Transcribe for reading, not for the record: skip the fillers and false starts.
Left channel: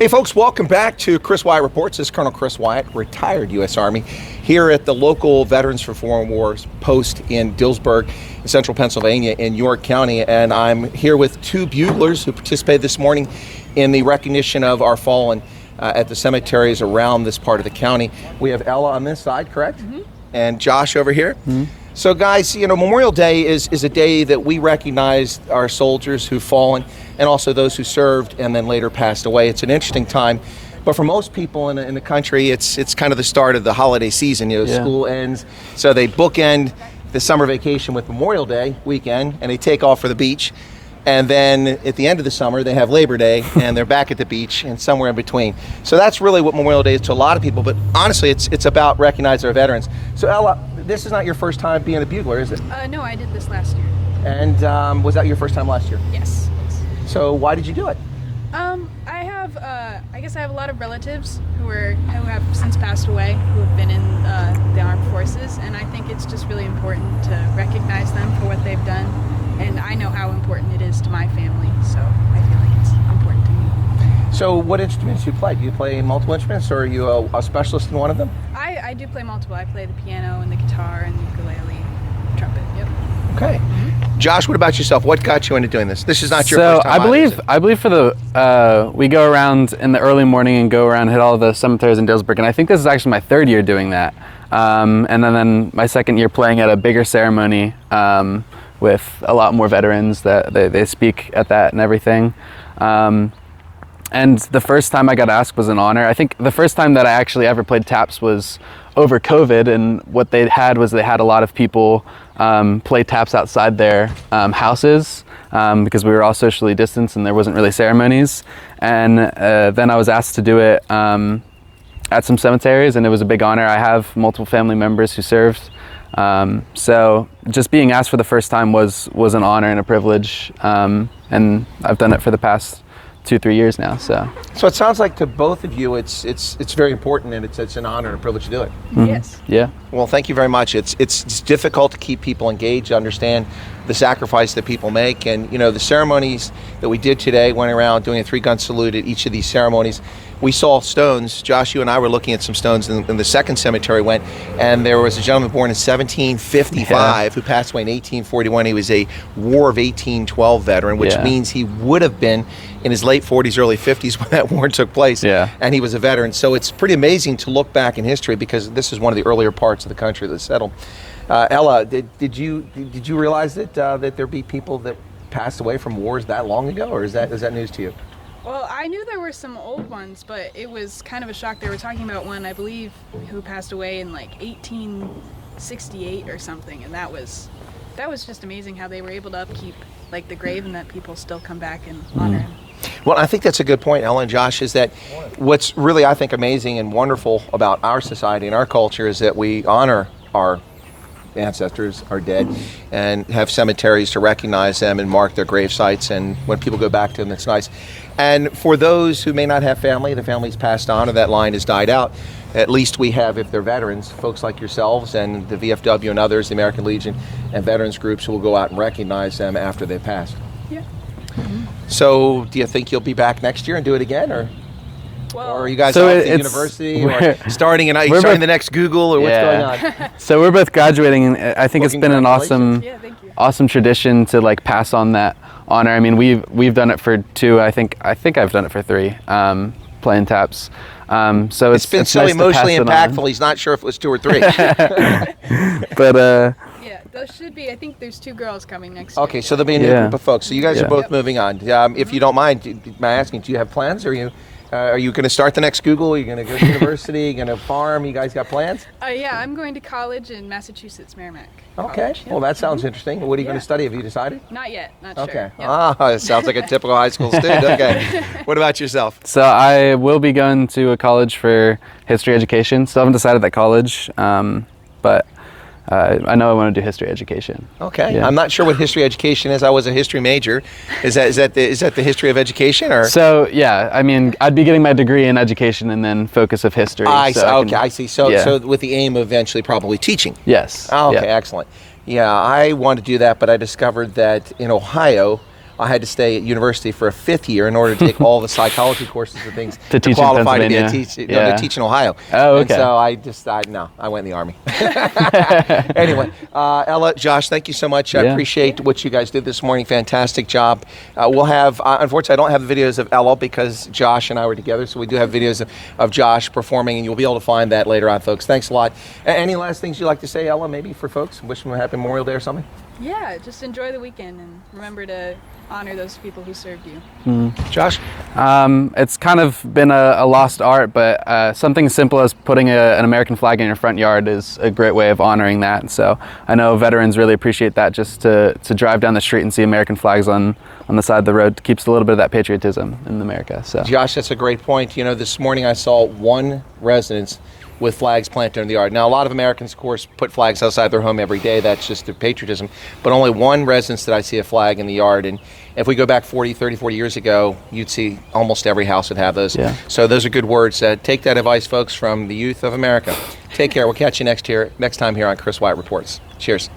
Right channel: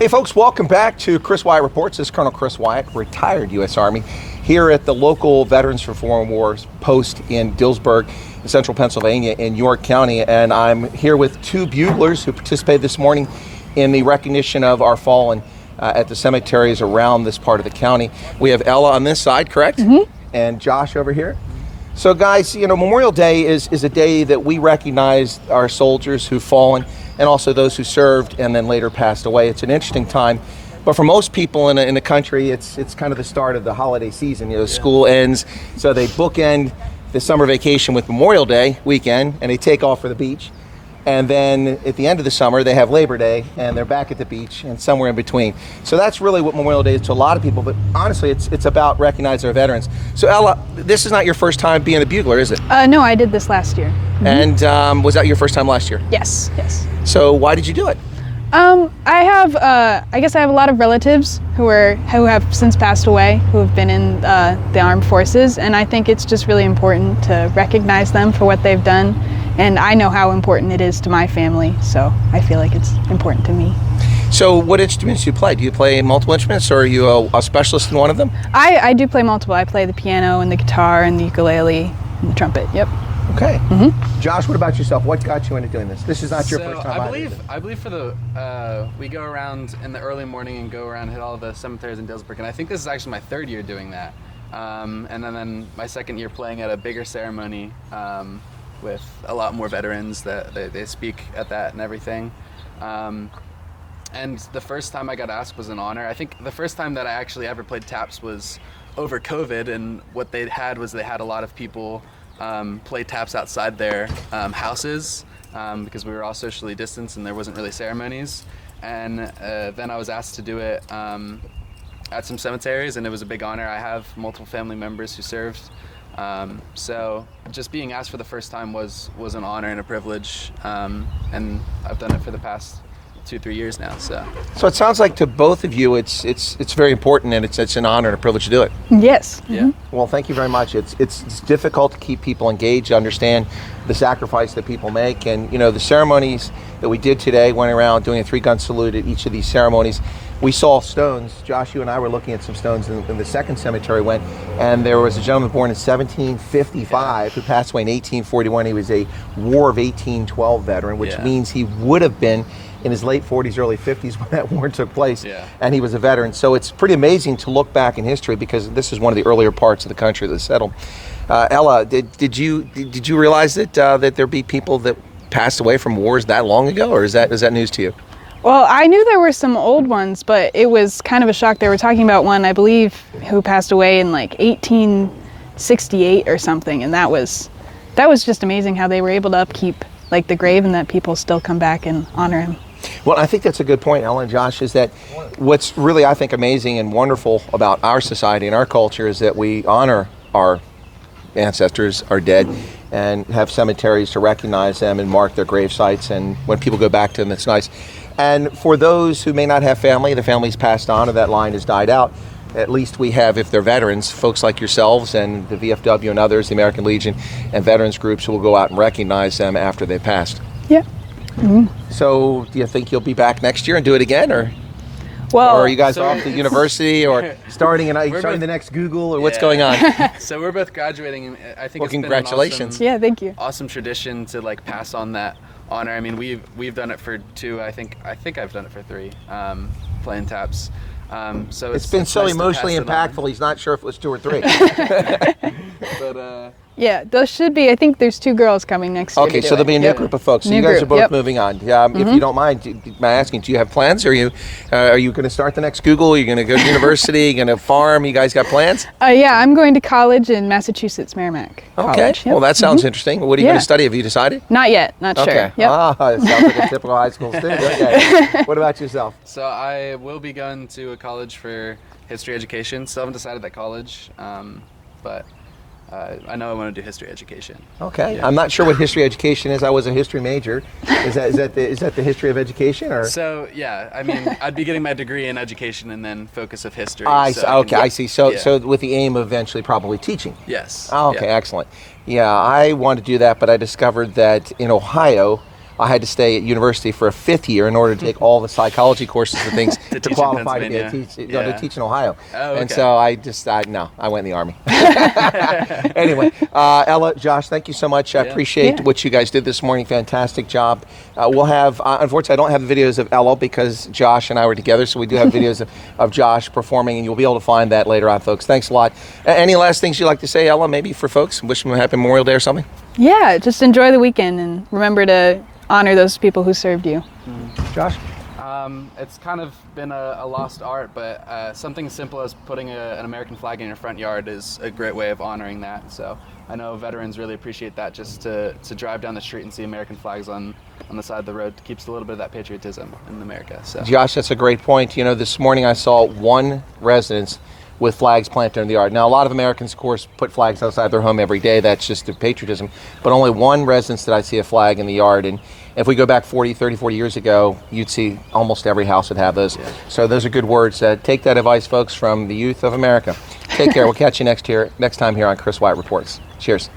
Hey folks, welcome back to Chris Wyatt Reports. This is Colonel Chris Wyatt, retired U.S. Army, here at the local Veterans for Foreign Wars post in Dillsburg, in central Pennsylvania, in York County. And I'm here with two buglers who participated this morning in the recognition of our fallen at the cemeteries around this part of the county. We have Ella on this side, correct? Mm-hmm. And Josh over here. Mm-hmm. So guys, you know, Memorial Day is a day that we recognize our soldiers who've fallen and also those who served and then later passed away. It's an interesting time, but for most people in the country, it's kind of the start of the holiday season. You know, school ends, so they bookend the summer vacation with Memorial Day weekend and they take off for the beach. And then at the end of the summer, they have Labor Day and they're back at the beach and somewhere in between. So that's really what Memorial Day is to a lot of people, but honestly, it's about recognizing our veterans. So Ella, this is not your first time being a bugler, is it? No, I did this last year. Mm-hmm. And was that your first time last year? Yes. So why did you do it? I guess I have a lot of relatives who have since passed away, who have been in the armed forces, and I think it's just really important to recognize them for what they've done. And I know how important it is to my family, so I feel like it's important to me. So what instruments do you play? Do you play multiple instruments, or are you a specialist in one of them? I do play multiple. I play the piano and the guitar and the ukulele and the trumpet, yep. Okay. Mm-hmm. Josh, what about yourself? What got you into doing this? This is not your first time. I believe for the we go around in the early morning and go around and hit all the cemeteries in Dillsburg, and I think this is actually my third year doing that. And then my second year playing at a bigger ceremony with a lot more veterans that they speak at that and everything. And the first time I got asked was an honor. I think the first time that I actually ever played taps was over COVID, and what they had a lot of people play taps outside their houses because we were all socially distanced and there wasn't really ceremonies. And then I was asked to do it at some cemeteries, and it was a big honor. I have multiple family members who served. So just being asked for the first time was an honor and a privilege, and I've done it for the past 2-3 years now. So it sounds like to both of you, it's very important, and it's an honor and a privilege to do it. Mm-hmm. Yes. Yeah. Well, thank you very much. It's difficult to keep people engaged, to understand the sacrifice that people make, and you know the ceremonies that we did today. Went around doing a 3-gun salute at each of these ceremonies. We saw stones. Josh, you and I were looking at some stones in the second cemetery went, and there was a gentleman born in 1755 who passed away in 1841. He was a War of 1812 veteran, which means he would have been in his late 40s, early 50s when that war took place, and he was a veteran. So it's pretty amazing to look back in history because this is one of the earlier parts of the country that settled. Ella, did you realize that there'd be people that passed away from wars that long ago, or is that news to you? Well, I knew there were some old ones, but it was kind of a shock. They were talking about one, I believe, who passed away in like 1868 or something, and that was just amazing how they were able to upkeep like the grave and that people still come back and honor him. Well, I think that's a good point, Ella and Josh, is that what's really, I think, amazing and wonderful about our society and our culture is that we honor our ancestors, are dead, and have cemeteries to recognize them and mark their grave sites, and when people go back to them, it's nice. And for those who may not have family, the family's passed on or that line has died out, at least we have, if they're veterans, folks like yourselves and the VFW and others, the American Legion and veterans groups who will go out and recognize them after they've passed. Yeah. Mm-hmm. So do you think you'll be back next year and do it again, or are you guys at the university or starting the next Google, or what's going on? So we're both graduating, and I think it's been an awesome tradition to like pass on that honor. I mean, we've done it for 2. I think I've done it for 3, playing taps. So it's been so nice emotionally impactful. He's not sure if it was 2 or 3. But yeah, those should be. I think there's 2 girls coming next year. Okay, so there'll be a new group of folks. So you guys are both moving on. If you don't mind, my asking, do you have plans? Are you going to start the next Google? Are you going to go to university? Are you going to farm? You guys got plans? Yeah, I'm going to college in Massachusetts, Merrimack. Okay. College. Well, that sounds interesting. What are you going to study? Have you decided? Not yet. Not sure. Okay. Yep. It sounds like a typical high school student. Okay. What about yourself? So I will be going to a college for history education. Still haven't decided that college, but I know I want to do history education. Okay. Yeah. I'm not sure what history education is. I was a history major. Is that the history of education, or? So yeah, I mean, I'd be getting my degree in education and then focus of history. I see. So with the aim of eventually probably teaching. Yes. Oh, okay, excellent. Yeah, I wanted to do that, but I discovered that in Ohio, I had to stay at university for a 5th year in order to take all the psychology courses and things To teach in qualify to Pennsylvania. to teach in Ohio. Oh, And okay. so I went in the Army. Anyway, Ella, Josh, thank you so much. I Yeah. appreciate what you guys did this morning. Fantastic job. We'll have, unfortunately, I don't have the videos of Ella because Josh and I were together, so we do have videos of Josh performing, and you'll be able to find that later on, folks. Thanks a lot. Any last things you'd like to say, Ella, maybe for folks? Wish them a happy Memorial Day or something? Yeah, just enjoy the weekend and remember to honor those people who served you. Josh? It's kind of been a lost art, but something simple as putting an American flag in your front yard is a great way of honoring that. So I know veterans really appreciate that, just to drive down the street and see American flags on the side of the road keeps a little bit of that patriotism in America. So Josh, that's a great point. You know, this morning I saw one residence with flags planted in the yard. Now, a lot of Americans, of course, put flags outside their home every day. That's just their patriotism. But only one residence did I see a flag in the yard. And if we go back 40 years ago, you'd see almost every house would have those. Yeah. So those are good words. Take that advice, folks, from the youth of America. Take care. We'll catch you next time here on Chris Wyatt Reports. Cheers.